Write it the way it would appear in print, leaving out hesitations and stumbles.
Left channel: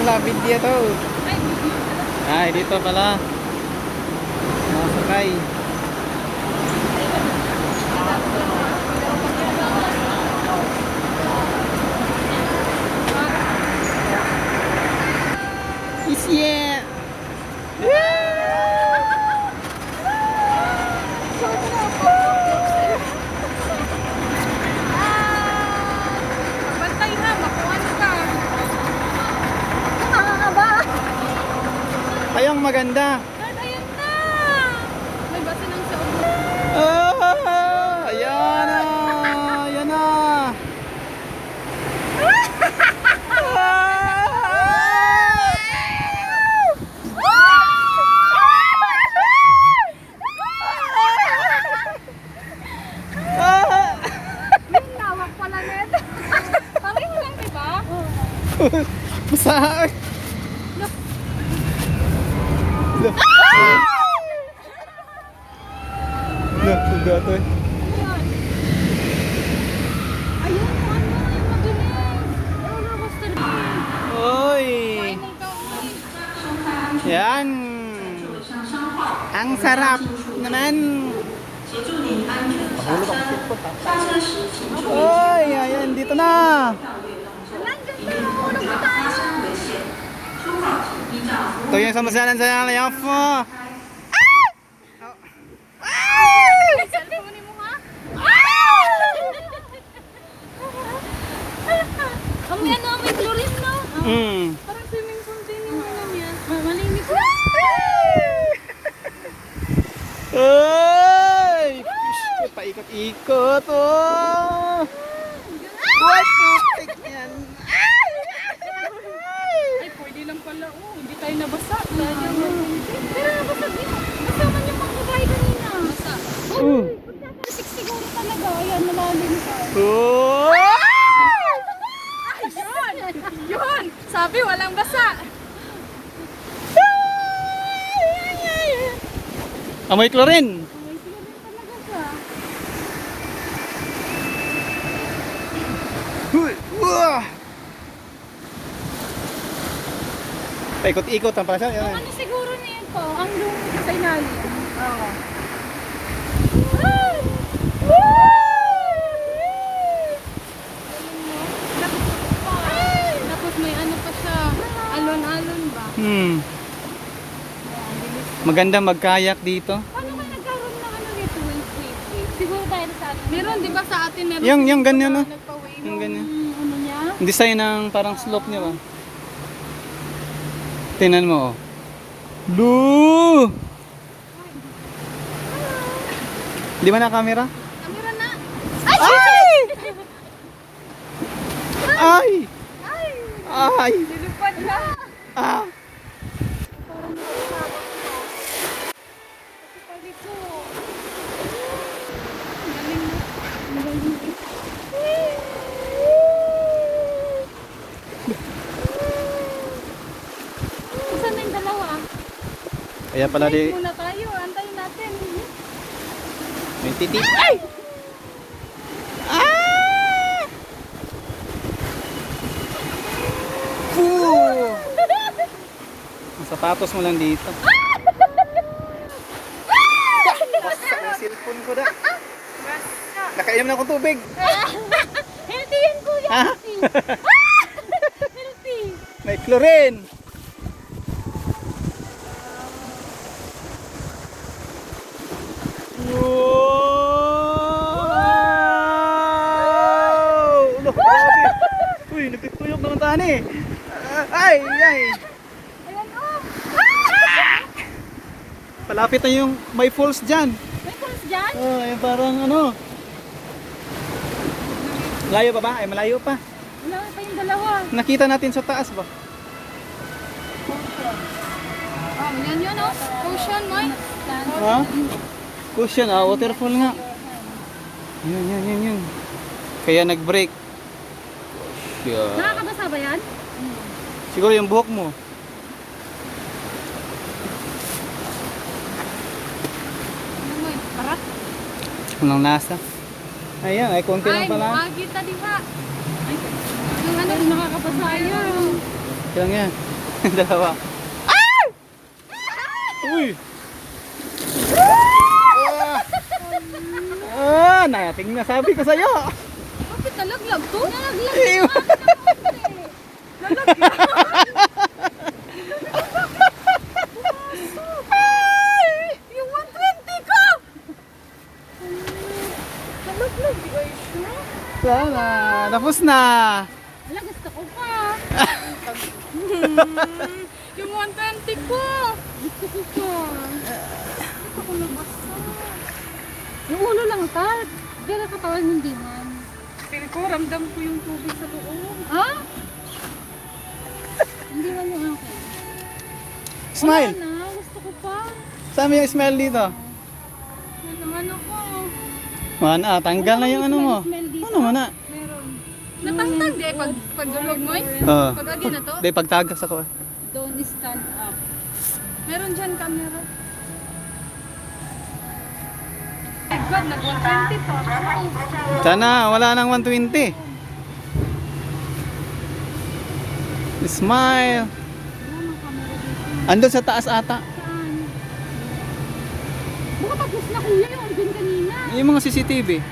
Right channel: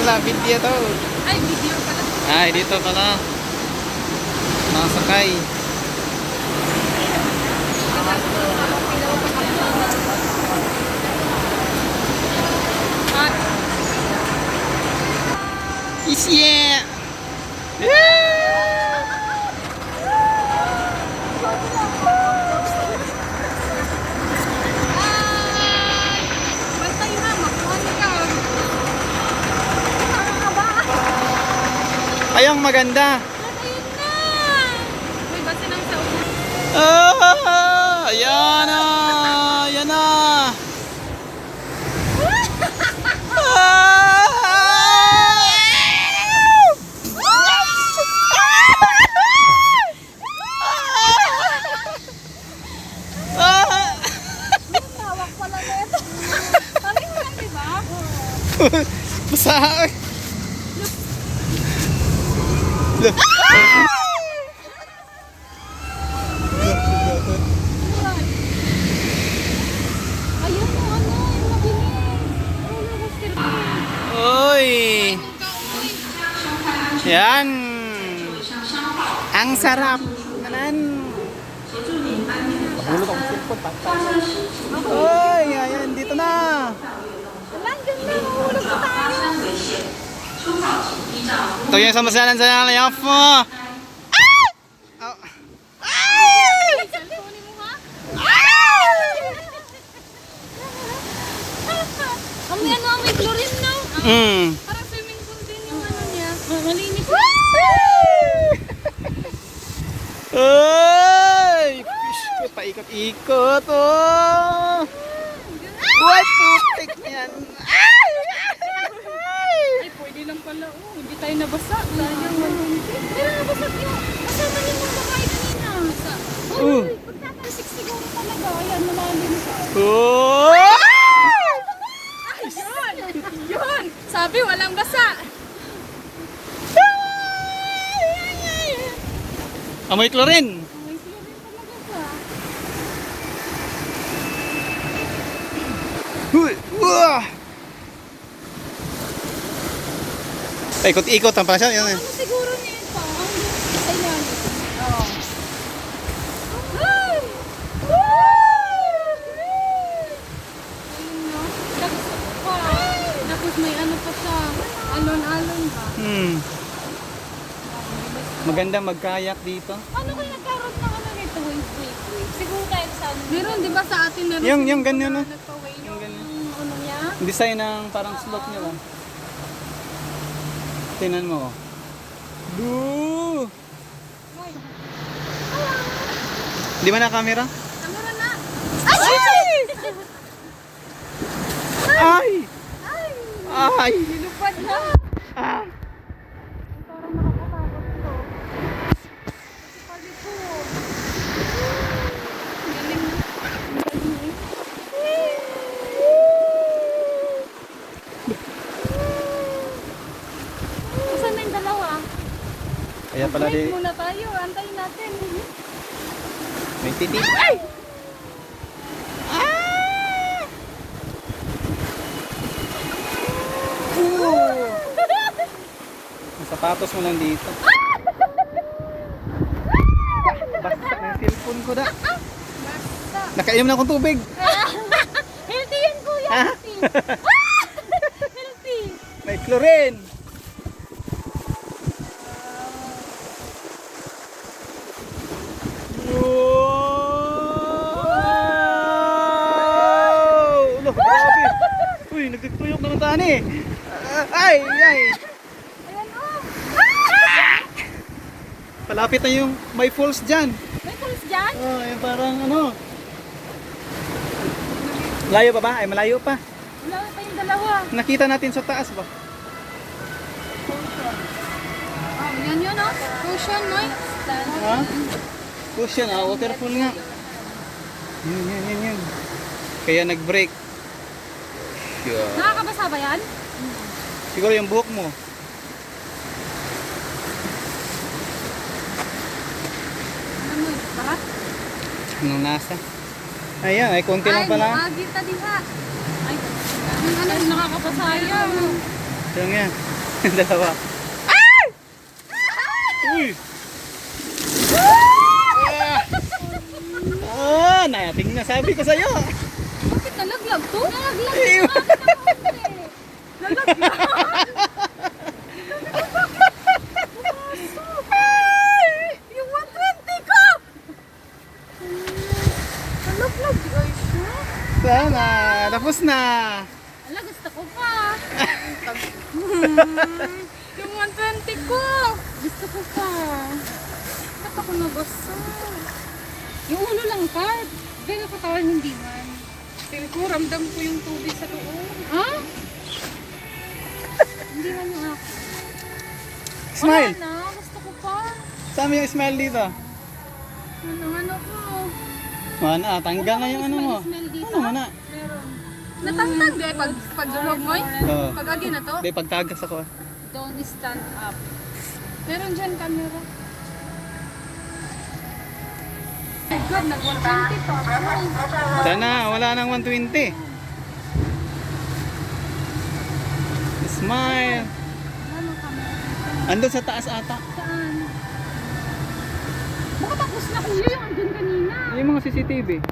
Wala, video to. Ay, video pala. Ay, dito pala. Nakasakay. Isye! Basta ina, makuha na ka. Nakakaba. Ayong maganda. Ayun na. May basi ng sa ulo. Ah! Ayan na! Ayan na! Tawag pala net. Parang lang, diba? Basa! Ayun, yung mabilis. Ano, Buster Bean? Oy! Yan! Ang sarap! Nanan! Mahulog ako cellphone, patay. Oy! Ayan, dito na! Ito yung samasalan sa layoff mo! Cellphone mo, ha? Ang yan ang may chlorine, no? Parang swimming pool din yung ano niya. Malinis na. Ay! Fish ko, paikot-ikot, oh! What putik yan? Ay, pwede lang pala. Oh, hindi tayo nabasa. Pero nabasag niya. Kasama niya mga babae kanina. Basa. Uh. Pagkakasik siguro talaga. Ayan, malalim ka. Oh! Yun! Yun! Sabi, walang basa. Amoy chlorine. Huy! Wah! Paikot-ikot ang pala siya. Yan, eh. Ano siguro nito? Ang doon sa ilalim. Oo. Galing, no? Tapos may ano pa sa alon-alon ba? Maganda magkayak dito. Ano kaya nagkaroon ng ano nito? Wave? Siguro tayo sa ano? Meron, di ba sa atin meron? Yung ganyan, no? Nagpa-wave Yung ganyan. ano niya? Design ng parang slope niya, ba? Tingnan mo, oh. Blue! Di ba na camera? Ano na? Ay! Ay! Ay! Ay! Nilupad ka! Ah! Parang nakakatakot ko. Kasi pali ko. Galing. Ang galing eh. Saan na yung dalawa? Kaya pala di... Break muna tayo. Antayin natin. May titik. Ay! Yung sapatos mo lang dito. Basta ang cellphone ko da. Basta. Nakainom na akong tubig. Healthy yan kuya. Ha? Healthy. May chlorine. Wow! Ano, grabe. Uy, nagtutuyok naman tani. Ay, ay. Ayan o. Palapit na yung may falls dyan. May pulse dyan? Oh, yung parang ano. Layo pa ba? Ay, malayo pa. Wala pa yung dalawa. Nakita natin sa taas ba? Yan yun o. Ocean no? Ha? Cushion, waterfall nga. Yan. Kaya nag-break. Yeah. Nakakabasa ba yan? Siguro yung buhok mo. Tara. Nang nasa. Ayan, ay konti lang pala. Ay, magita din ka. Ay, ang ano, nakakabasa yan. Lang yan. Dalawa. Ah! Uy! Nating na sabi ko sa'yo. Bakit nalaglag to? Nalaglag Ew. Yung 120 ko! Nalaglag guys no? Sana, tapos na. Ala, gusto ko pa. Yung 120 ko. Gusto ko pa. Bakit ako nabasa? Yung ulo lang ka. Pero katawan hindi man. Pero ko, ramdam ko yung tubig sa loob. Ha? Hindi man yung akin. Smile. Wala na, gusto ko pa. Saan yung smile dito? Yung ano ko. Mana, tanggal na yung ano mo. Smell dito? Ano mana? Meron. Natangtag eh pag dulog mo eh. Oo. Pag agi na to. Di, pagtagas ako. Don't stand up. Meron dyan camera. My God, nag-120 pa ako. Sana, wala nang 120. Smile. Ano camera dito? Andun sa taas ata. Saan? Baka tapos na kuya yung andun kanina. Yung mga CCTV.